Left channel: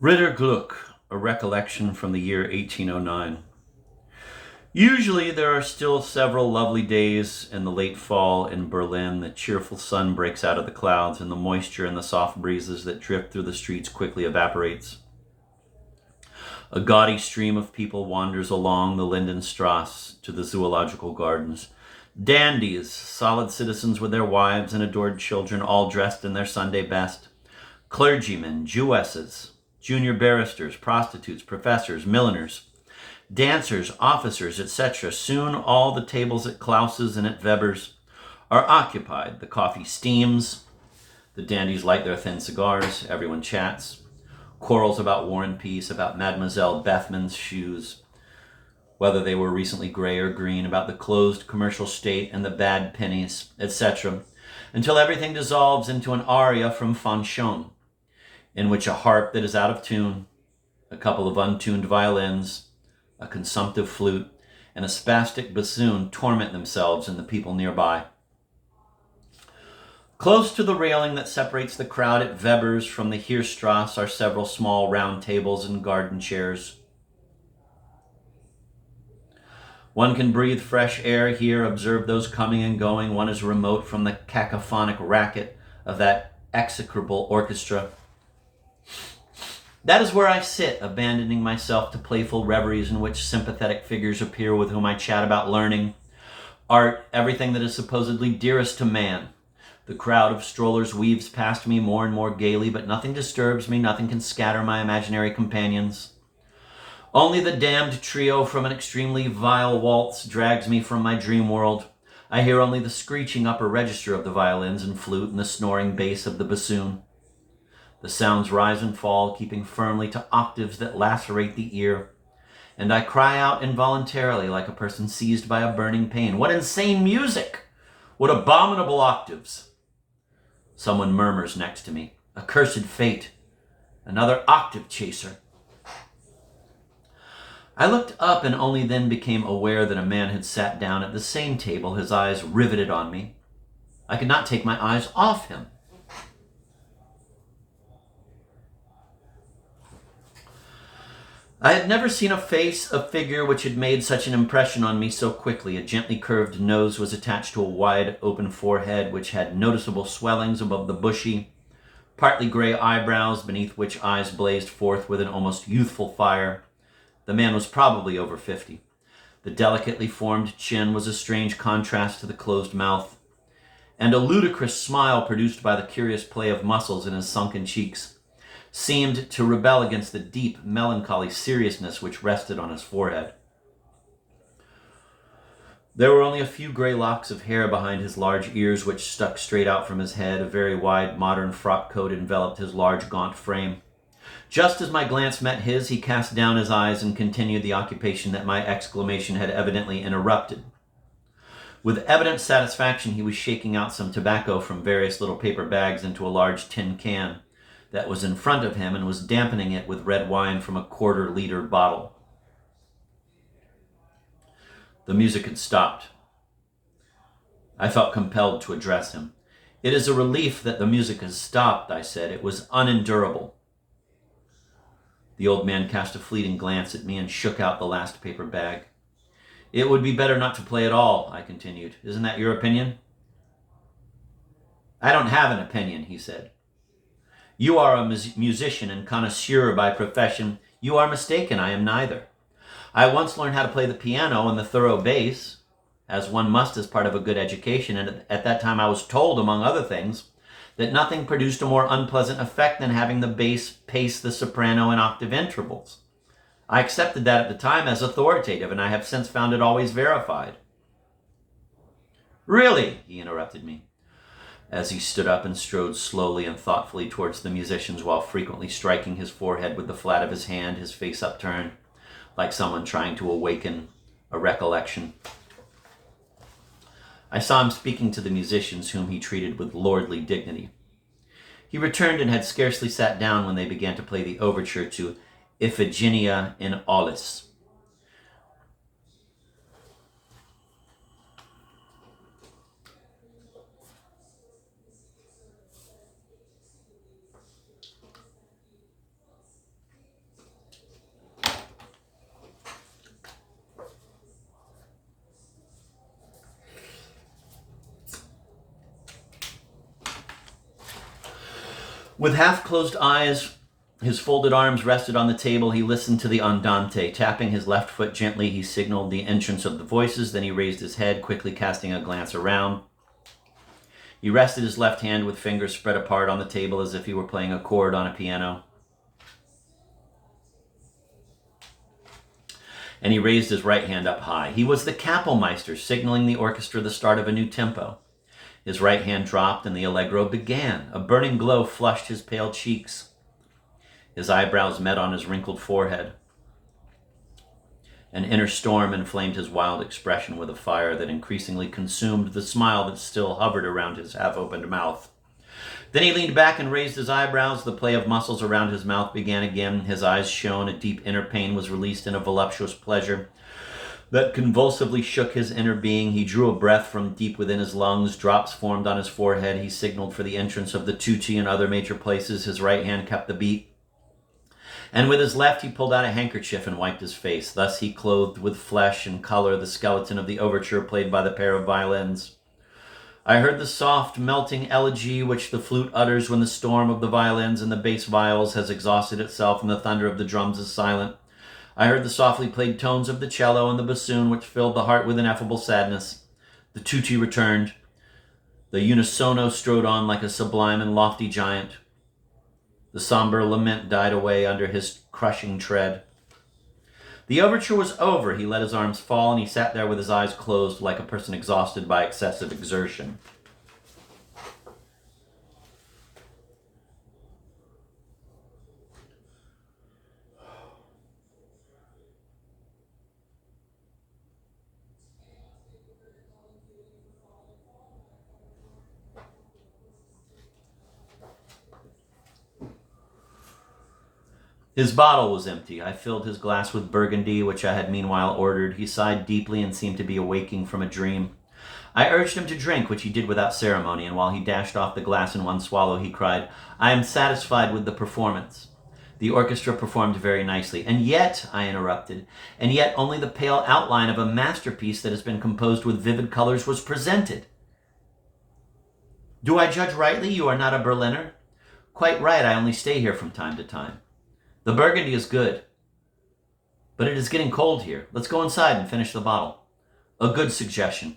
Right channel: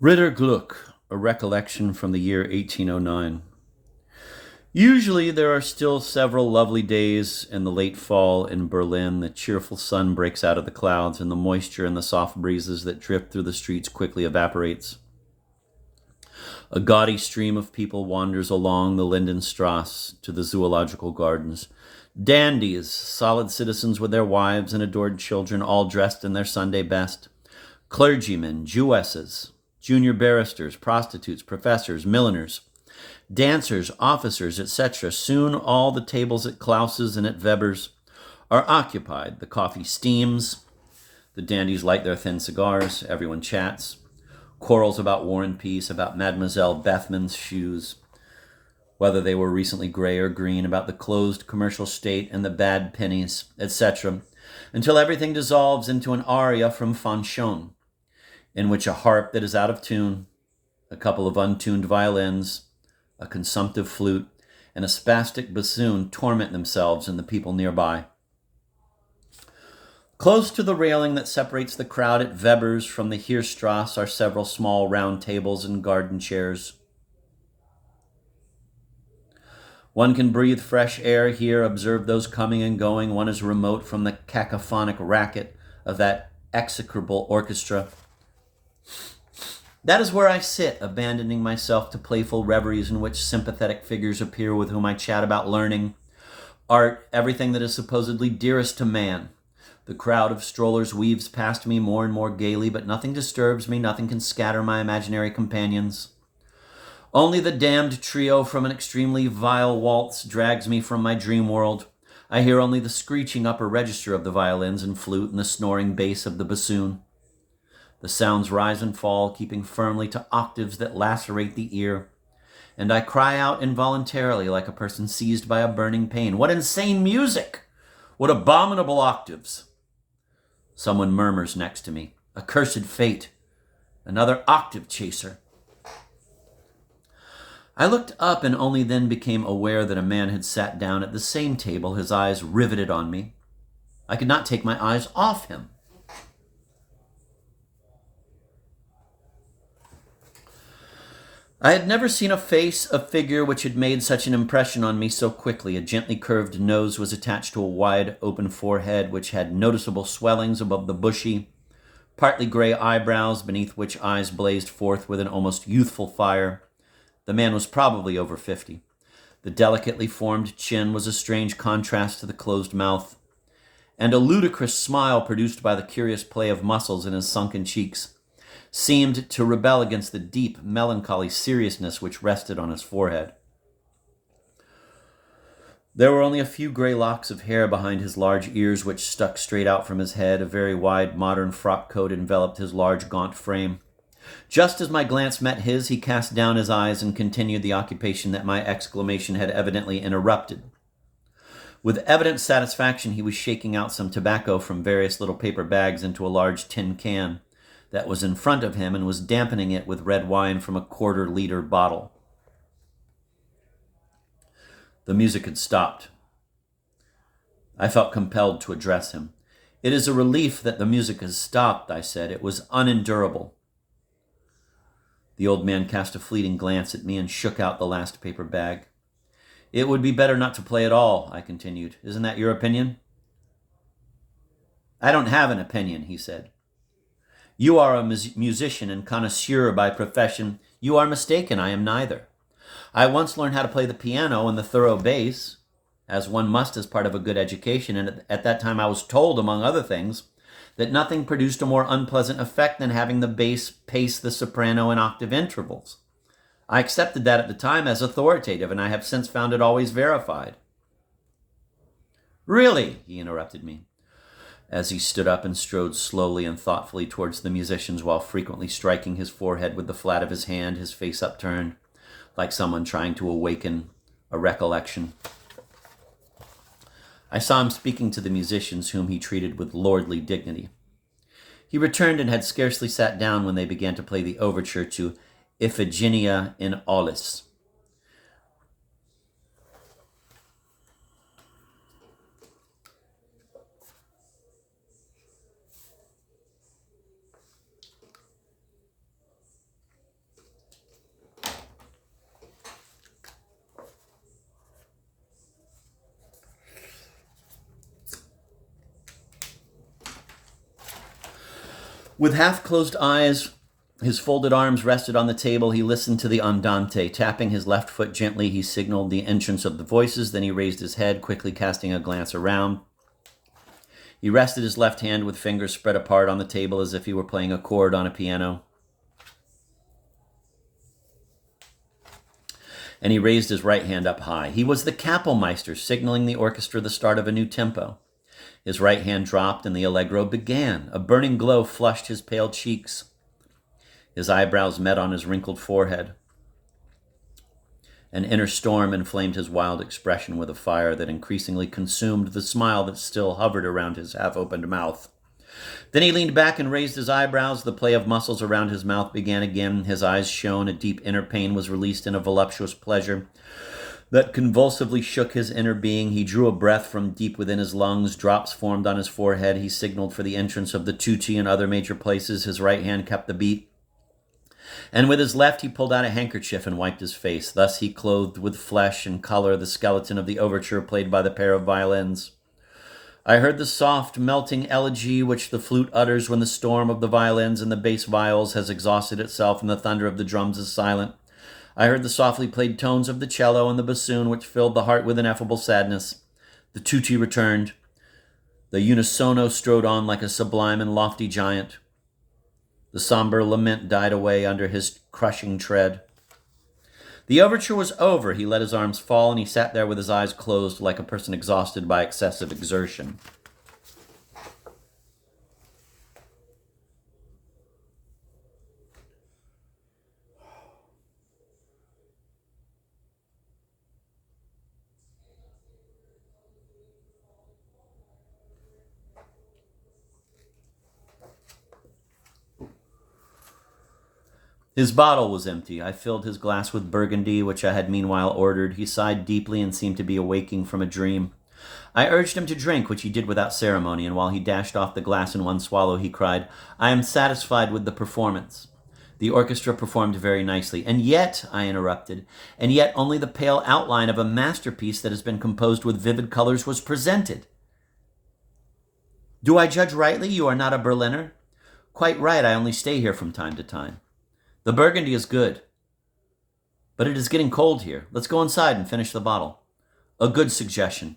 Ritter Gluck, a recollection from the year 1809. Usually there are still several lovely days in the late fall in Berlin. The cheerful sun breaks out of the clouds, and the moisture and the soft breezes that drift through the streets quickly evaporates. A gaudy stream of people wanders along the Lindenstrasse to the zoological gardens. Dandies, solid citizens with their wives and adored children, all dressed in their Sunday best. Clergymen, Jewesses, junior barristers, prostitutes, professors, milliners, dancers, officers, etc. Soon all the tables at Klaus's and at Weber's are occupied. The coffee steams. The dandies light their thin cigars. Everyone chats. Quarrels about War and Peace, about Mademoiselle Bethman's shoes, whether they were recently gray or green, about the closed commercial state and the bad pennies, etc., until everything dissolves into an aria from Fanchon, in which a harp that is out of tune, a couple of untuned violins, a consumptive flute, and a spastic bassoon torment themselves and the people nearby. Close to the railing that separates the crowd at Weber's from the Heerstrasse are several small round tables and garden chairs. One can breathe fresh air here, observe those coming and going. One is remote from the cacophonic racket of that execrable orchestra. That is where I sit, abandoning myself to playful reveries in which sympathetic figures appear with whom I chat about learning, art, everything that is supposedly dearest to man. The crowd of strollers weaves past me more and more gaily, but nothing disturbs me, nothing can scatter my imaginary companions. Only the damned trio from an extremely vile waltz drags me from my dream world. I hear only the screeching upper register of the violins and flute and the snoring bass of the bassoon. The sounds rise and fall, keeping firmly to octaves that lacerate the ear, and I cry out involuntarily like a person seized by a burning pain. What insane music! What abominable octaves! Someone murmurs next to me. Accursed fate. Another octave chaser. I looked up and only then became aware that a man had sat down at the same table, his eyes riveted on me. I could not take my eyes off him. I had never seen a face, a figure which had made such an impression on me so quickly. A gently curved nose was attached to a wide, open forehead, which had noticeable swellings above the bushy, partly gray eyebrows, beneath which eyes blazed forth with an almost youthful fire. The man was probably over 50. The delicately formed chin was a strange contrast to the closed mouth, and a ludicrous smile produced by the curious play of muscles in his sunken cheeks seemed to rebel against the deep, melancholy seriousness which rested on his forehead. There were only a few gray locks of hair behind his large ears, which stuck straight out from his head. A very wide, modern frock coat enveloped his large, gaunt frame. Just as my glance met his, he cast down his eyes and continued the occupation that my exclamation had evidently interrupted. With evident satisfaction, he was shaking out some tobacco from various little paper bags into a large tin can that was in front of him and was dampening it with red wine from a quarter-liter bottle. The music had stopped. I felt compelled to address him. "It is a relief that the music has stopped," I said. "It was unendurable." The old man cast a fleeting glance at me and shook out the last paper bag. "It would be better not to play at all," I continued. "Isn't that your opinion?" "I don't have an opinion," he said. "You are a musician and connoisseur by profession. You are mistaken. I am neither. I once learned how to play the piano and the thorough bass, as one must as part of a good education, and at that time I was told, among other things, that nothing produced a more unpleasant effect than having the bass pace the soprano in octave intervals. I accepted that at the time as authoritative, and I have since found it always verified." "Really?" he interrupted me, as he stood up and strode slowly and thoughtfully towards the musicians while frequently striking his forehead with the flat of his hand, his face upturned, like someone trying to awaken a recollection. I saw him speaking to the musicians, whom he treated with lordly dignity. He returned and had scarcely sat down when they began to play the overture to Iphigenia in Aulis. With half-closed eyes, his folded arms rested on the table, he listened to the andante. Tapping his left foot gently, he signaled the entrance of the voices. Then he raised his head, quickly casting a glance around. He rested his left hand with fingers spread apart on the table as if he were playing a chord on a piano. And he raised his right hand up high. He was the Kapellmeister, signaling the orchestra the start of a new tempo. His right hand dropped and the allegro began. A burning glow flushed his pale cheeks. His eyebrows met on his wrinkled forehead. An inner storm inflamed his wild expression with a fire that increasingly consumed the smile that still hovered around his half-opened mouth. Then he leaned back and raised his eyebrows. The play of muscles around his mouth began again. His eyes shone. A deep inner pain was released in a voluptuous pleasure that convulsively shook his inner being. He drew a breath from deep within his lungs. Drops formed on his forehead. He signaled for the entrance of the tutti and other major places. His right hand kept the beat. And with his left he pulled out a handkerchief and wiped his face. Thus he clothed with flesh and color the skeleton of the overture played by the pair of violins. I heard the soft, melting elegy which the flute utters when the storm of the violins and the bass viols has exhausted itself and the thunder of the drums is silent. I heard the softly played tones of the cello and the bassoon which filled the heart with ineffable sadness. The tutti returned. The unisono strode on like a sublime and lofty giant. The somber lament died away under his crushing tread. The overture was over. He let his arms fall, and he sat there with his eyes closed like a person exhausted by excessive exertion. His bottle was empty. I filled his glass with Burgundy, which I had meanwhile ordered. He sighed deeply and seemed to be awaking from a dream. I urged him to drink, which he did without ceremony, and while he dashed off the glass in one swallow, he cried, "I am satisfied with the performance." The orchestra performed very nicely. "And yet," I interrupted, "and yet only the pale outline of a masterpiece that has been composed with vivid colors was presented." "Do I judge rightly? You are not a Berliner?" "Quite right. I only stay here from time to time." "The Burgundy is good, but it is getting cold here. Let's go inside and finish the bottle." "A good suggestion.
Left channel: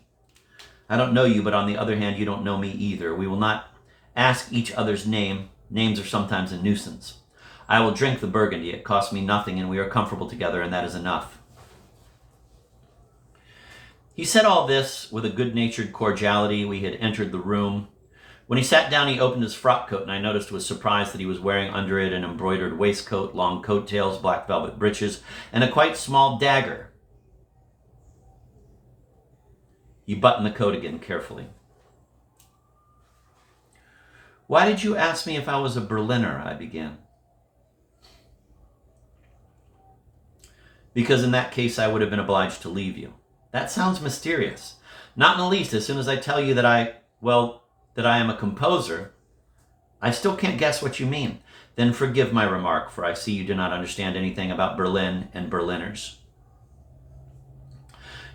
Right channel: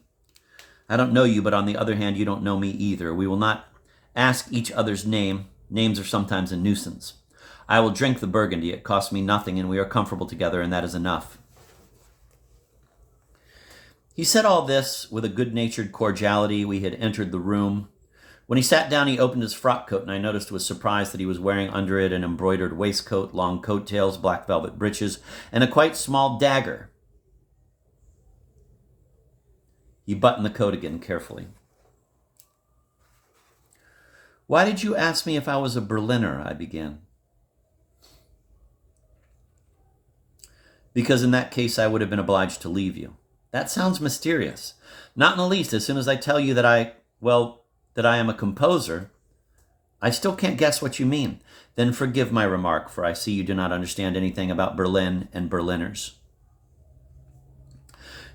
I don't know you, but on the other hand, you don't know me either. We will not ask each other's name. Names are sometimes a nuisance. I will drink the Burgundy. It costs me nothing, and we are comfortable together, and that is enough." He said all this with a good-natured cordiality. We had entered the room. When he sat down, he opened his frock coat, and I noticed with surprise that he was wearing under it an embroidered waistcoat, long coat-tails, black velvet breeches, and a quite small dagger. He buttoned the coat again carefully. "Why did you ask me if I was a Berliner?" I began. "Because in that case I would have been obliged to leave you." "That sounds mysterious." "Not in the least. As soon as I tell you that I am a composer, I still can't guess what you mean." "Then forgive my remark, for I see you do not understand anything about Berlin and Berliners."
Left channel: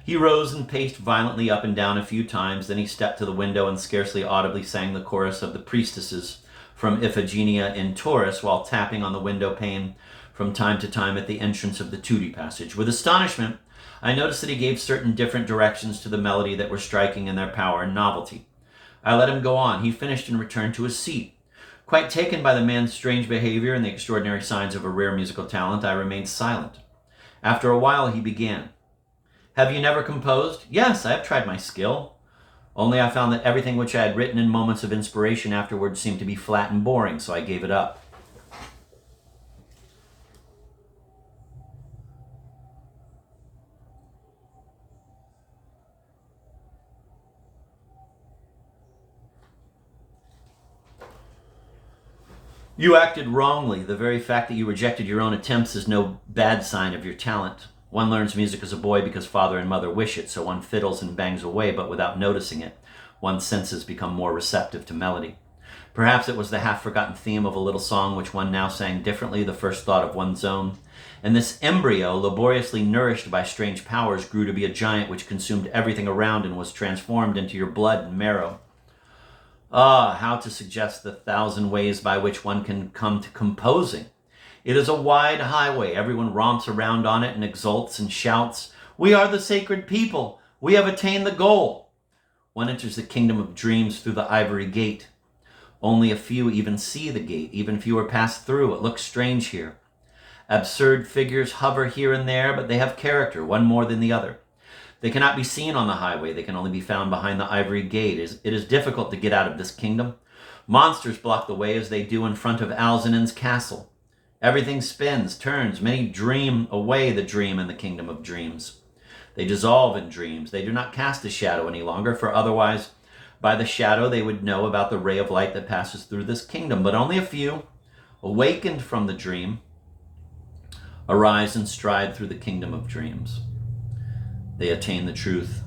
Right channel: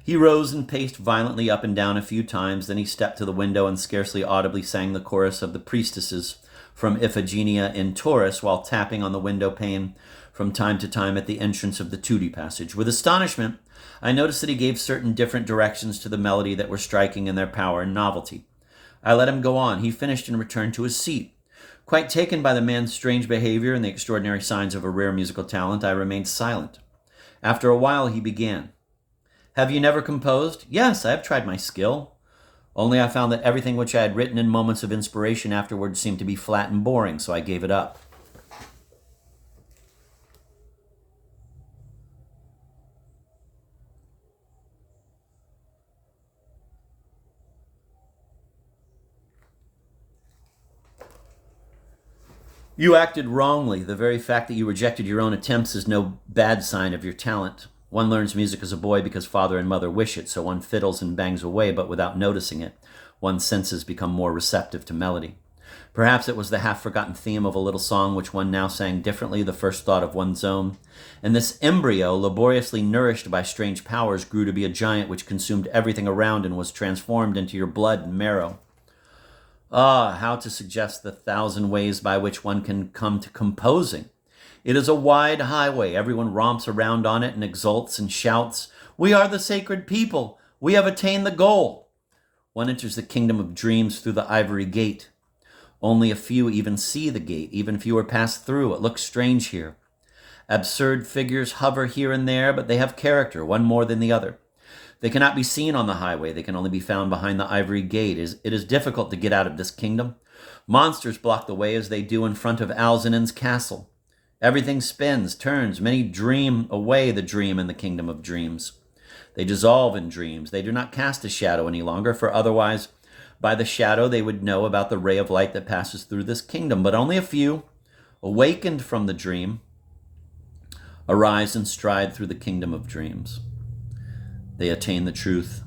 He rose and paced violently up and down a few times. Then he stepped to the window and scarcely audibly sang the chorus of the priestesses from Iphigenia in Taurus while tapping on the window pane from time to time at the entrance of the tutti passage. With astonishment, I noticed that he gave certain different directions to the melody that were striking in their power and novelty. I let him go on. He finished and returned to his seat. Quite taken by the man's strange behavior and the extraordinary signs of a rare musical talent, I remained silent. After a while, he began. "Have you never composed?" "Yes, I have tried my skill. Only I found that everything which I had written in moments of inspiration afterwards seemed to be flat and boring, so I gave it up." "You acted wrongly. The very fact that you rejected your own attempts is no bad sign of your talent. One learns music as a boy because father and mother wish it, so one fiddles and bangs away, but without noticing it. One's senses become more receptive to melody. Perhaps it was the half-forgotten theme of a little song which one now sang differently, the first thought of one's own. And this embryo, laboriously nourished by strange powers, grew to be a giant which consumed everything around and was transformed into your blood and marrow. Ah, how to suggest the thousand ways by which one can come to composing. It is a wide highway. Everyone romps around on it and exults and shouts, "We are the sacred people. We have attained the goal." One enters the kingdom of dreams through the ivory gate. Only a few even see the gate. Even fewer pass through. It looks strange here. Absurd figures hover here and there, but they have character, one more than the other. They cannot be seen on the highway. They can only be found behind the ivory gate. It is difficult to get out of this kingdom. Monsters block the way as they do in front of Alzinen's castle. Everything spins, turns. Many dream away the dream in the kingdom of dreams. They dissolve in dreams. They do not cast a shadow any longer, for otherwise by the shadow they would know about the ray of light that passes through this kingdom. But only a few, awakened from the dream, arise and stride through the kingdom of dreams. They attain the truth.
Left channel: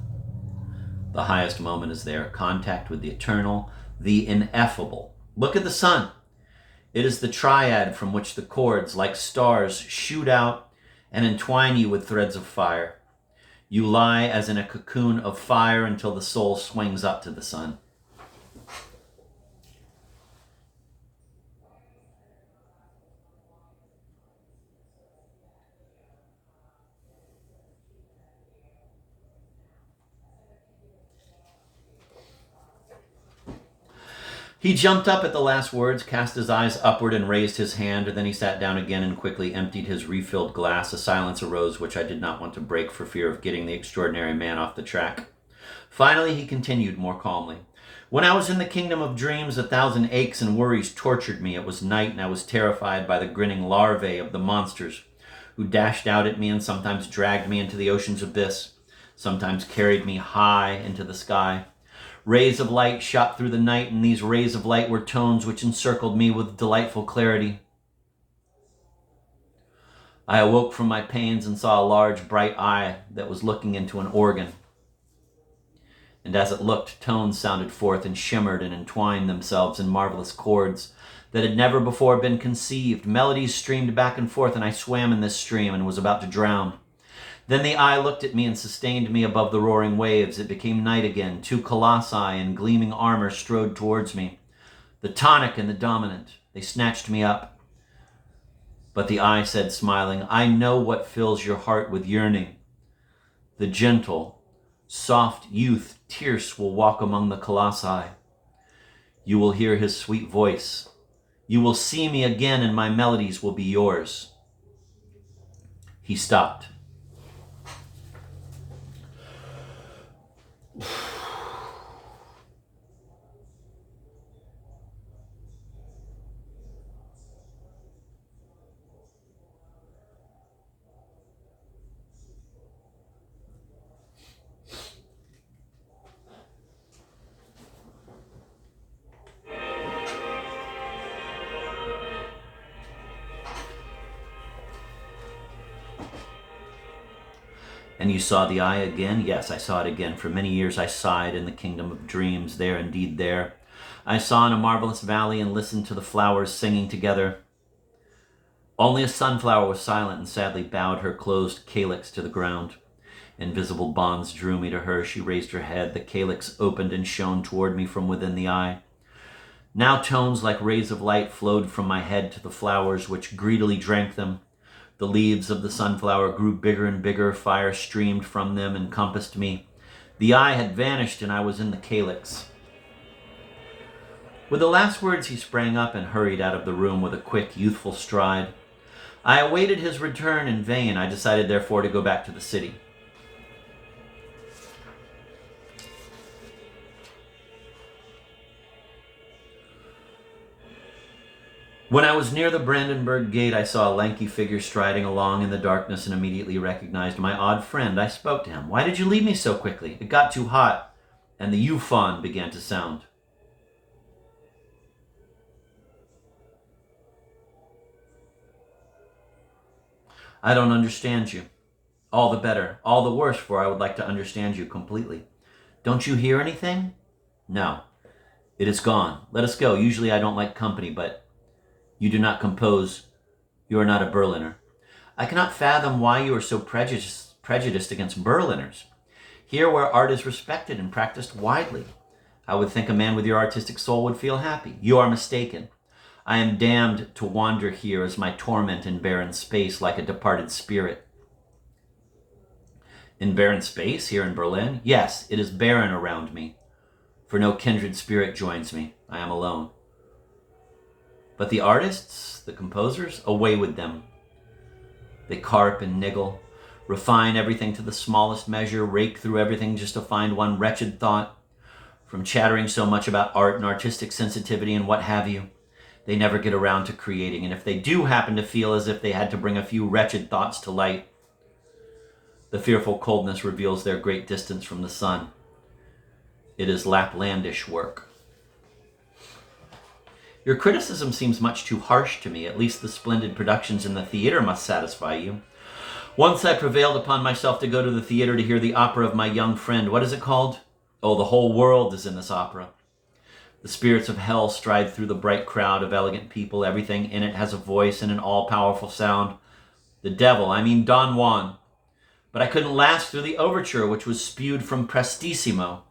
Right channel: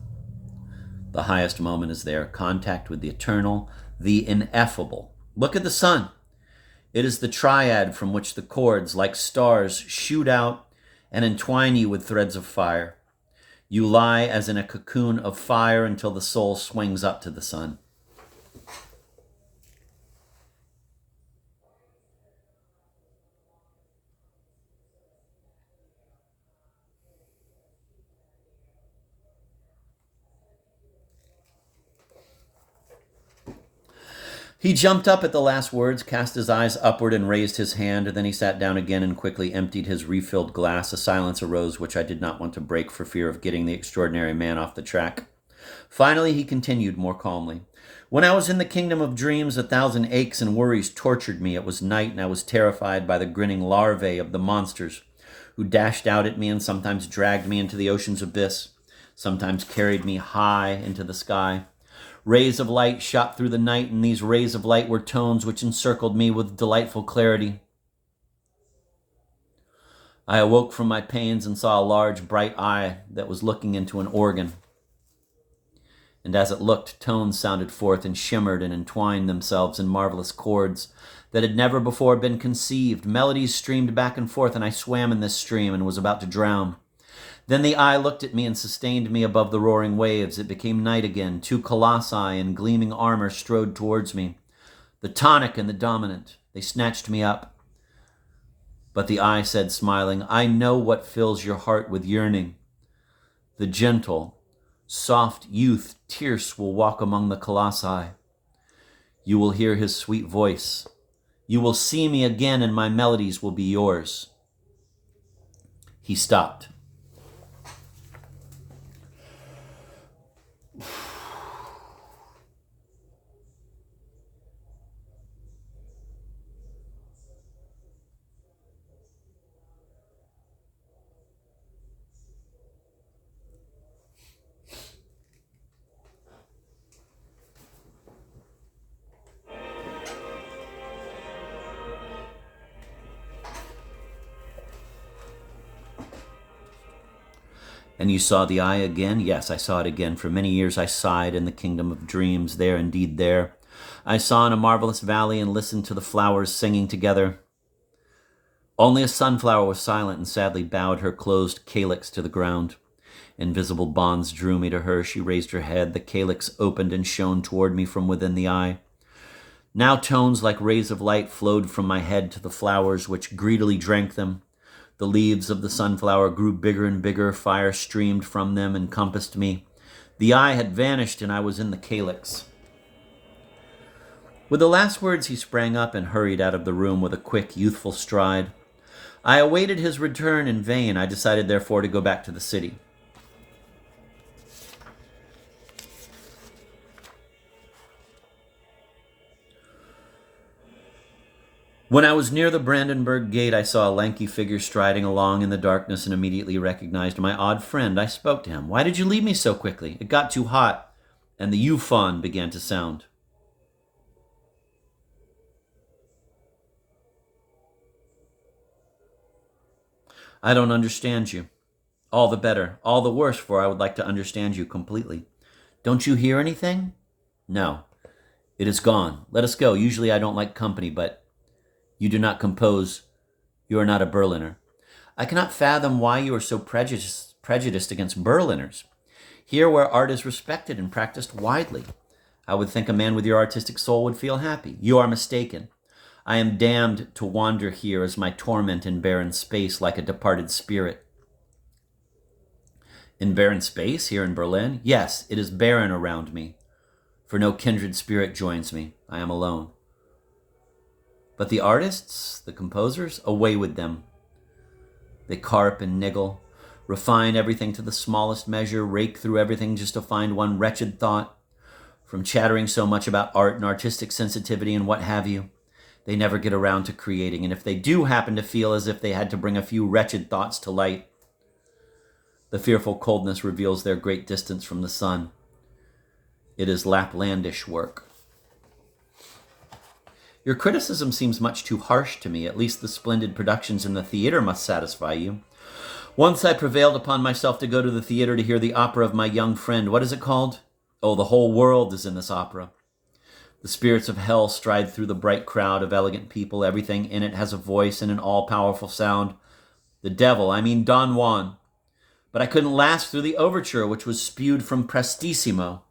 The highest moment is there, contact with the eternal, the ineffable. Look at the sun. It is the triad from which the chords, like stars, shoot out and entwine you with threads of fire. You lie as in a cocoon of fire until the soul swings up to the sun. He jumped up at the last words, cast his eyes upward, and raised his hand. Then he sat down again and quickly emptied his refilled glass. A silence arose which I did not want to break for fear of getting the extraordinary man off the track. Finally, he continued more calmly. When I was in the kingdom of dreams, 1,000 aches and worries tortured me. It was night, and I was terrified by the grinning larvae of the monsters, who dashed out at me and sometimes dragged me into the ocean's abyss, sometimes carried me high into the sky. Rays of light shot through the night, and these rays of light were tones which encircled me with delightful clarity. I awoke from my pains and saw a large, bright eye that was looking into an organ. And as it looked, tones sounded forth and shimmered and entwined themselves in marvelous chords that had never before been conceived. Melodies streamed back and forth, and I swam in this stream and was about to drown. Then the eye looked at me and sustained me above the roaring waves. It became night again. 2 colossi in gleaming armor strode towards me, the tonic and the dominant. They snatched me up. But the eye said, smiling, "I know what fills your heart with yearning. The gentle, soft youth Tierce will walk among the colossi. You will hear his sweet voice. You will see me again, and my melodies will be yours." He stopped. "And you saw the eye again?" "Yes, I saw it again. For many years I sighed in the kingdom of dreams. There, indeed, there. I saw in a marvelous valley and listened to the flowers singing together. Only a sunflower was silent and sadly bowed her closed calyx to the ground. Invisible bonds drew me to her. She raised her head. The calyx opened and shone toward me from within the eye. Now tones like rays of light flowed from my head to the flowers, which greedily drank them. The leaves of the sunflower grew bigger and bigger. Fire streamed from them, encompassed me. The eye had vanished, and I was in the calyx." With the last words, he sprang up and hurried out of the room with a quick, youthful stride. I awaited his return in vain. I decided, therefore, to go back to the city. When I was near the Brandenburg Gate, I saw a lanky figure striding along in the darkness and immediately recognized my odd friend. I spoke to him. "Why did you leave me so quickly?" "It got too hot," and the euphon began to sound. "I don't understand you." "All the better. All the worse, for I would like to understand you completely." "Don't you hear anything?" "No. It is gone. Let us go. Usually I don't like company, but you do not compose. You are not a Berliner." "I cannot fathom why you are so prejudiced against Berliners. Here where art is respected and practiced widely. I would think a man with your artistic soul would feel happy. You are mistaken. I am damned to wander here as my torment in barren space like a departed spirit. In barren space here in Berlin? Yes, it is barren around me, for no kindred spirit joins me. I am alone. But the artists, the composers, away with them. They carp and niggle, refine everything to the smallest measure, rake through everything just to find one wretched thought. From chattering so much about art and artistic sensitivity and what have you, they never get around to creating. And if they do happen to feel as if they had to bring a few wretched thoughts to light, the fearful coldness reveals their great distance from the sun. It is Laplandish work. Your criticism seems much too harsh to me. At least the splendid productions in the theater must satisfy you. Once I prevailed upon myself to go to the theater to hear the opera of my young friend. What is it called? Oh, the whole world is in this opera. The spirits of hell stride through the bright crowd of elegant people. Everything in it has a voice and an all-powerful sound. The devil, I mean Don Juan. But I couldn't last through the overture, which was spewed from Prestissimo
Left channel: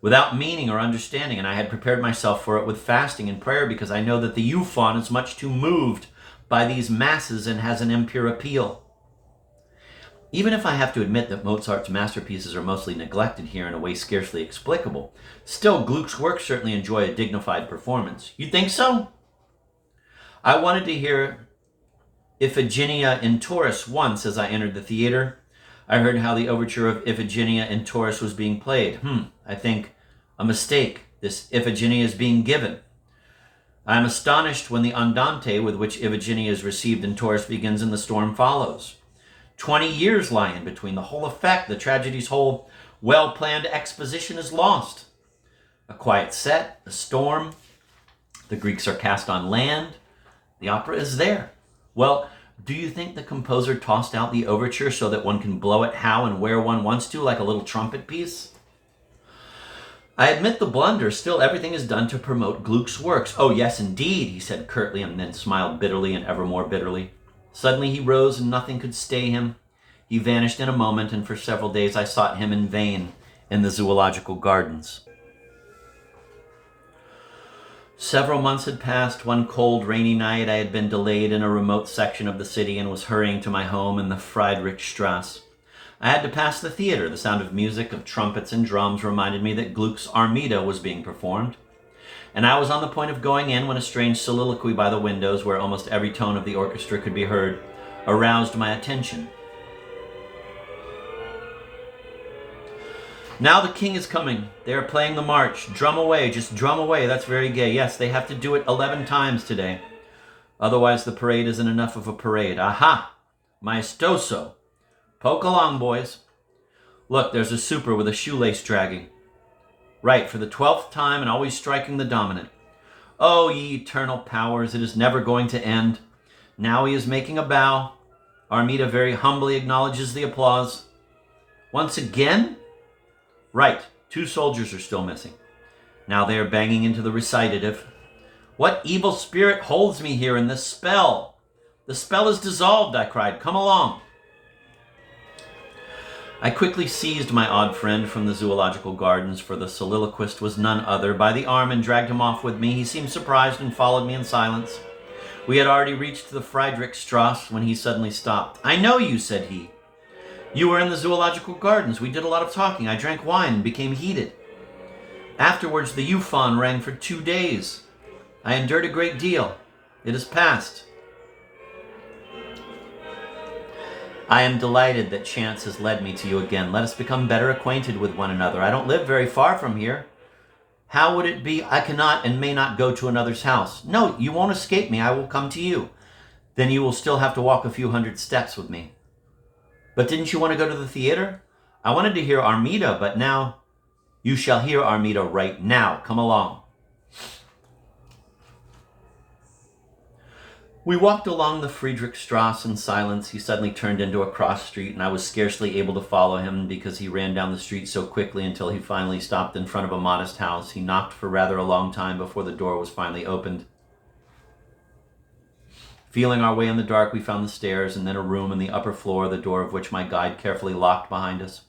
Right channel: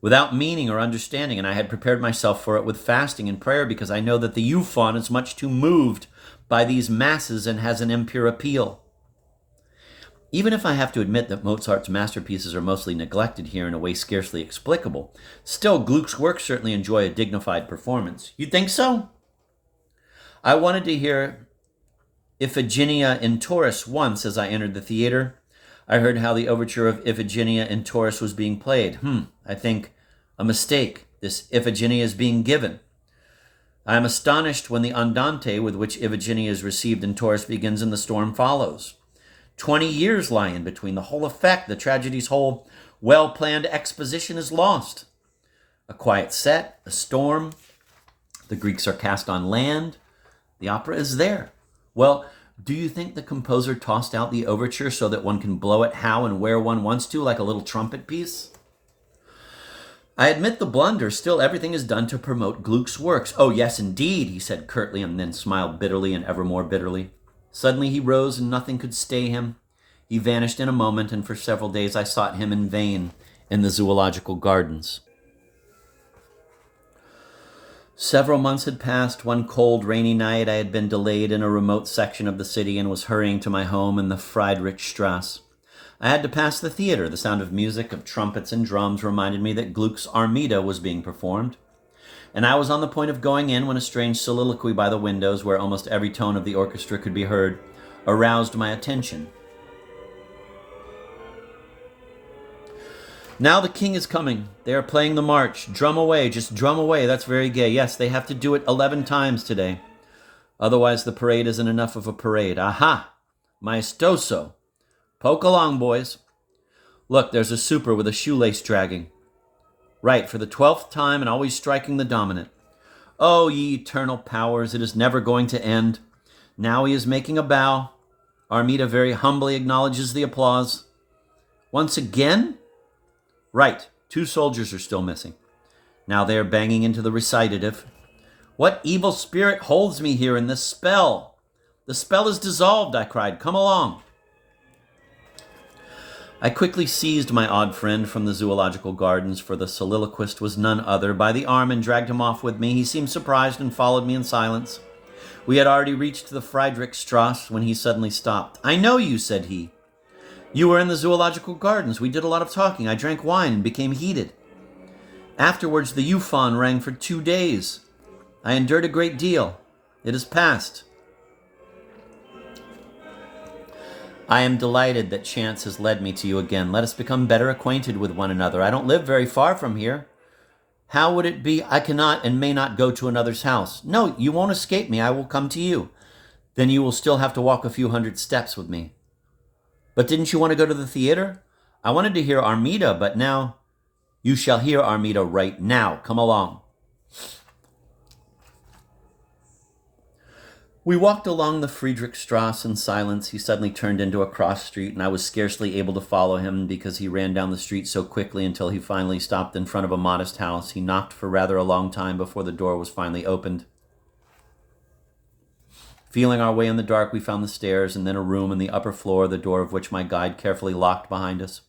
without meaning or understanding, and I had prepared myself for it with fasting and prayer because I know that the euphon is much too moved by these masses and has an impure appeal. Even if I have to admit that Mozart's masterpieces are mostly neglected here in a way scarcely explicable, still Gluck's works certainly enjoy a dignified performance. You think so? I wanted to hear Iphigenia in Taurus once as I entered the theater. I heard how the overture of Iphigenia in Taurus was being played. I think a mistake. This Iphigenia is being given. I am astonished when the andante with which Iphigenia is received in Taurus begins and the storm follows. 20 years lie in between. The whole effect, the tragedy's whole well-planned exposition is lost. A quiet set, a storm. The Greeks are cast on land. The opera is there. Well, do you think the composer tossed out the overture so that one can blow it how and where one wants to, like a little trumpet piece? I admit the blunder. Still, everything is done to promote Gluck's works. Oh, yes, indeed, he said curtly, and then smiled bitterly and ever more bitterly. Suddenly he rose, and nothing could stay him. He vanished in a moment, and for several days I sought him in vain in the zoological gardens. Several months had passed. One cold, rainy night I had been delayed in a remote section of the city and was hurrying to my home in the Friedrichstrasse. I had to pass the theater. The sound of music, of trumpets and drums reminded me that Gluck's Armida was being performed. And I was on the point of going in when a strange soliloquy by the windows, where almost every tone of the orchestra could be heard, aroused my attention. Now the king is coming. They are playing the march. Drum away, just drum away. That's very gay. Yes, they have to do it 11 times today. Otherwise the parade isn't enough of a parade. Aha! Maestoso. Poke along, boys. Look, there's a super with a shoelace dragging. Right, for the 12th time and always striking the dominant. Oh, ye eternal powers, it is never going to end. Now he is making a bow. Armida very humbly acknowledges the applause. Once again? Right, 2 soldiers are still missing. Now they are banging into the recitative. What evil spirit holds me here in this spell? The spell is dissolved, I cried. Come along. I quickly seized my odd friend from the zoological gardens, for the soliloquist was none other, by the arm and dragged him off with me. He seemed surprised and followed me in silence. We had already reached the Friedrichstrasse when he suddenly stopped. I know you, said he. You were in the zoological gardens. We did a lot of talking. I drank wine and became heated. Afterwards, the euphon rang for 2 days. I endured a great deal. It is past. I am delighted that chance has led me to you again. Let us become better acquainted with one another. I don't live very far from here. How would it be? I cannot and may not go to another's house. No, you won't escape me. I will come to you. Then you will still have to walk a few hundred steps with me. But didn't you want to go to the theater? I wanted to hear Armida, but now... You shall hear Armida right now. Come along. We walked along the Friedrichstrasse in silence. He suddenly turned into a cross street, and I was scarcely able to follow him because he ran down the street so quickly until he finally stopped in front of a modest house. He knocked for rather a long time before the door was finally opened. Feeling our way in the dark, we found the stairs and then a room in the upper floor, the door of which my guide carefully locked behind us.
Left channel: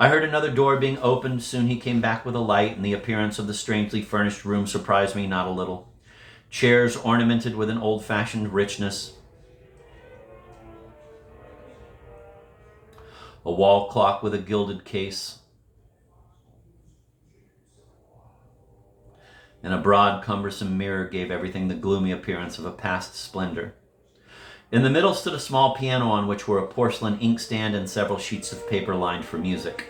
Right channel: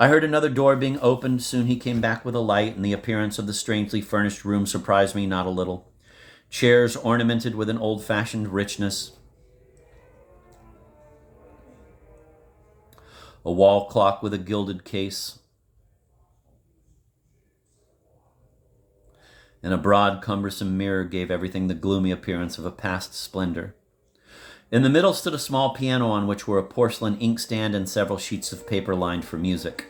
I heard another door being opened. Soon he came back with a light, and the appearance of the strangely furnished room surprised me not a little. Chairs ornamented with an old-fashioned richness. A wall clock with a gilded case. And a broad, cumbersome mirror gave everything the gloomy appearance of a past splendor. In the middle stood a small piano on which were a porcelain inkstand and several sheets of paper lined for music.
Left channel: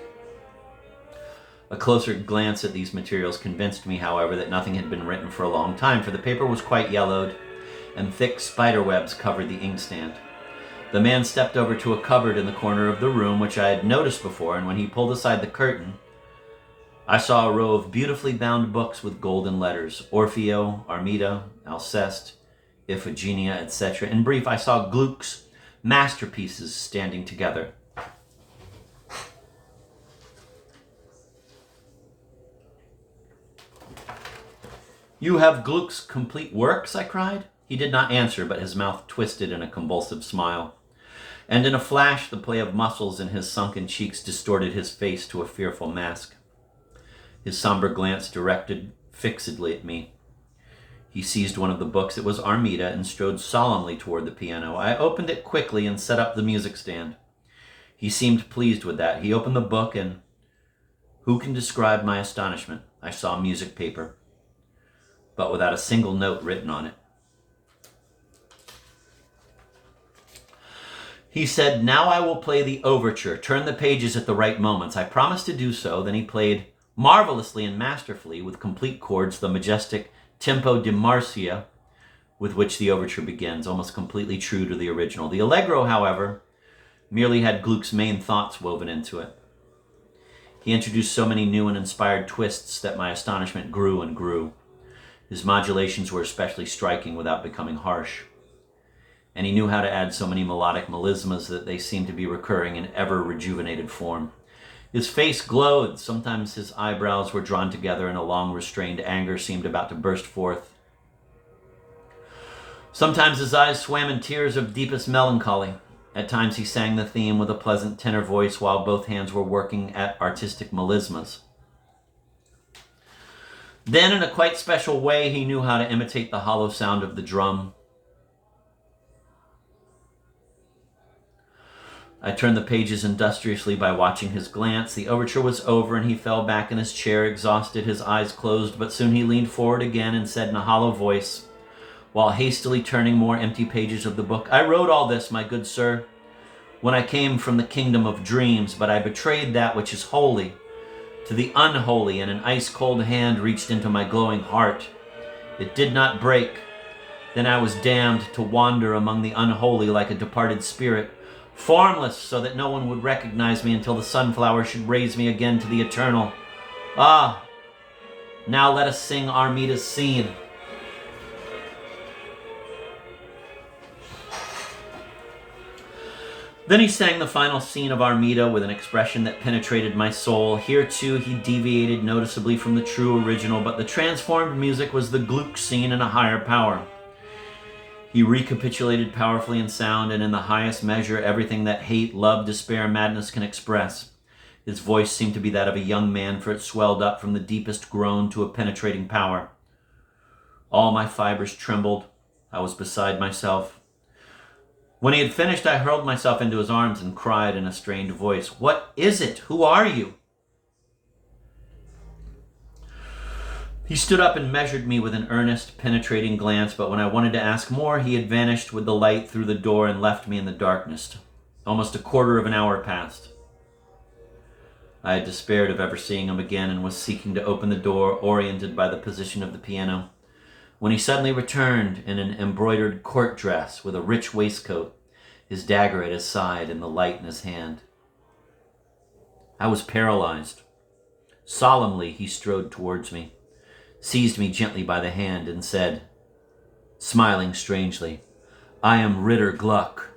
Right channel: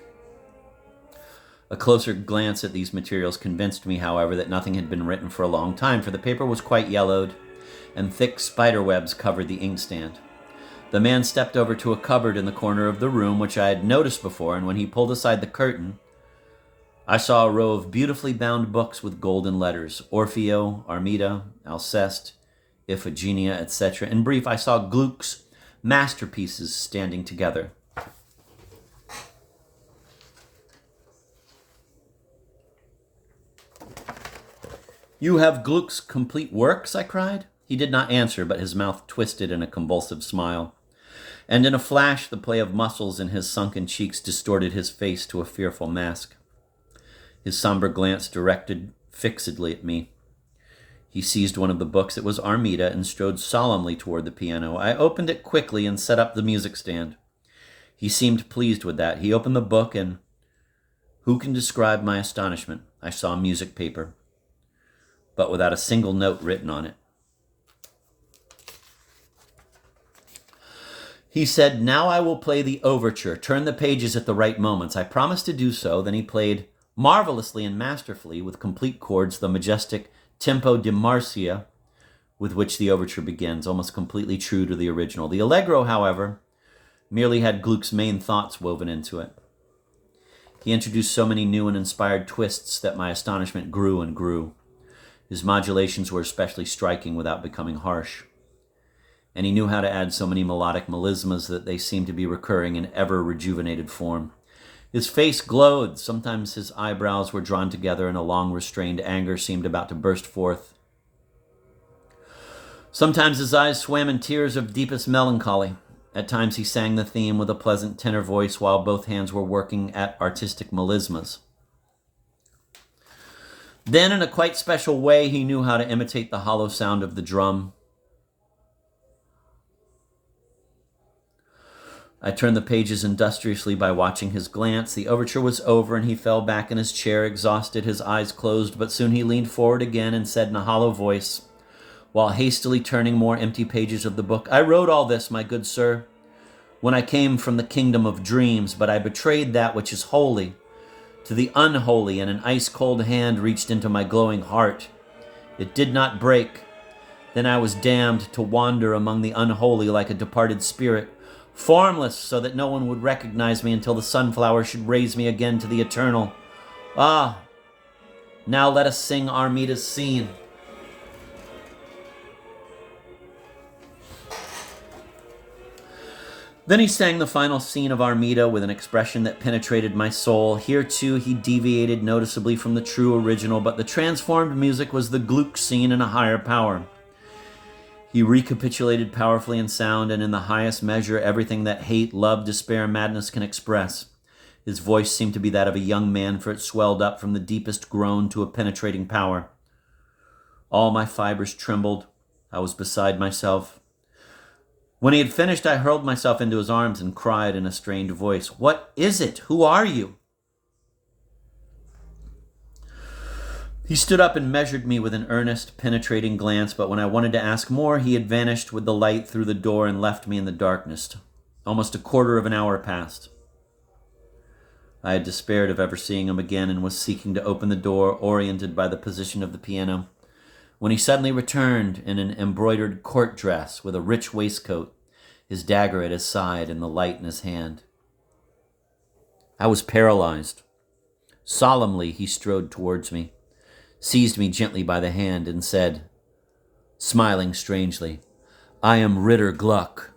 A closer glance at these materials convinced me, however, that nothing had been written for a long time, for the paper was quite yellowed, and thick spider webs covered the inkstand. The man stepped over to a cupboard in the corner of the room, which I had noticed before, and when he pulled aside the curtain, I saw a row of beautifully bound books with golden letters: Orfeo, Armida, Alceste, Iphigenia, etc. In brief, I saw Gluck's masterpieces standing together. "You have Gluck's complete works?" I cried. He did not answer, but his mouth twisted in a convulsive smile. And in a flash, the play of muscles in his sunken cheeks distorted his face to a fearful mask. His somber glance directed fixedly at me. He seized one of the books. It was Armida, and strode solemnly toward the piano. I opened it quickly and set up the music stand. He seemed pleased with that. He opened the book, and who can describe my astonishment? I saw music paper, but without a single note written on it. He said, "Now I will play the overture. Turn the pages at the right moments." I promised to do so. Then he played marvelously and masterfully, with complete chords, the majestic Tempo di Marcia, with which the overture begins, almost completely true to the original. The allegro, however, merely had Gluck's main thoughts woven into it. He introduced so many new and inspired twists that my astonishment grew and grew. His modulations were especially striking without becoming harsh. And he knew how to add so many melodic melismas that they seemed to be recurring in ever-rejuvenated form. His face glowed. Sometimes his eyebrows were drawn together and a long restrained anger seemed about to burst forth. Sometimes his eyes swam in tears of deepest melancholy. At times he sang the theme with a pleasant tenor voice while both hands were working at artistic melismas. Then, in a quite special way, he knew how to imitate the hollow sound of the drum. I turned the pages industriously by watching his glance. The overture was over, and he fell back in his chair, exhausted, his eyes closed, but soon he leaned forward again and said in a hollow voice, while hastily turning more empty pages of the book, "I wrote all this, my good sir, when I came from the kingdom of dreams, but I betrayed that which is holy to the unholy, and an ice-cold hand reached into my glowing heart. It did not break. Then I was damned to wander among the unholy like a departed spirit, formless so that no one would recognize me until the sunflower should raise me again to the eternal. Ah, now let us sing Armida's scene." Then he sang the final scene of Armida with an expression that penetrated my soul. Here, too, he deviated noticeably from the true original, but the transformed music was the Gluck scene in a higher power. He recapitulated powerfully in sound and in the highest measure everything that hate, love, despair, madness can express. His voice seemed to be that of a young man, for it swelled up from the deepest groan to a penetrating power. All my fibers trembled. I was beside myself. When he had finished, I hurled myself into his arms and cried in a strained voice, "What is it? Who are you?" He stood up and measured me with an earnest, penetrating glance, but when I wanted to ask more, he had vanished with the light through the door and left me in the darkness. Almost a quarter of an hour passed. I had despaired of ever seeing him again and was seeking to open the door, oriented by the position of the piano, when he suddenly returned in an embroidered court dress with a rich waistcoat, his dagger at his side and the light in his hand. I was paralyzed. Solemnly he strode towards me, seized me gently by the hand, and said, smiling strangely, "I am Ritter Gluck."